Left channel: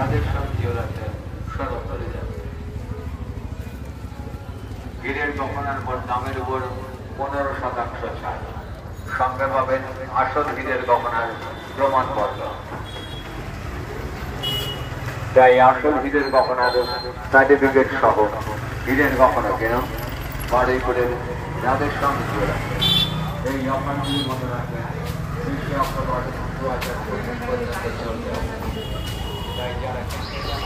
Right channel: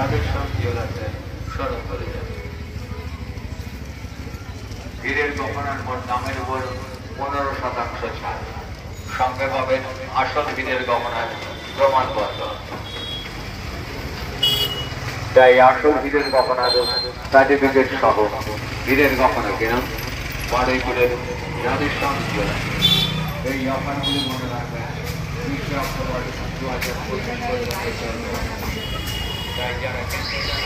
রাধেশ্যাম জেলাতে শরৎ করে যাবে। হীরের গহনার মোট দামের উপর 15% ছাড়। সঙ্গে পাবেন আসল হীরের গহনার প্রমাণপত্র। তাই আসল হীরের গহনার সার্টিফিকেট সহ হীরের গহনা কিনুন বারুইপুরের রাধেশ্যাম জেলা। এই অফারগুলি মনে রাখবেন 20 অক্টোবর 2025 পর্যন্ত চলবে। তাই যারা কিনতে চান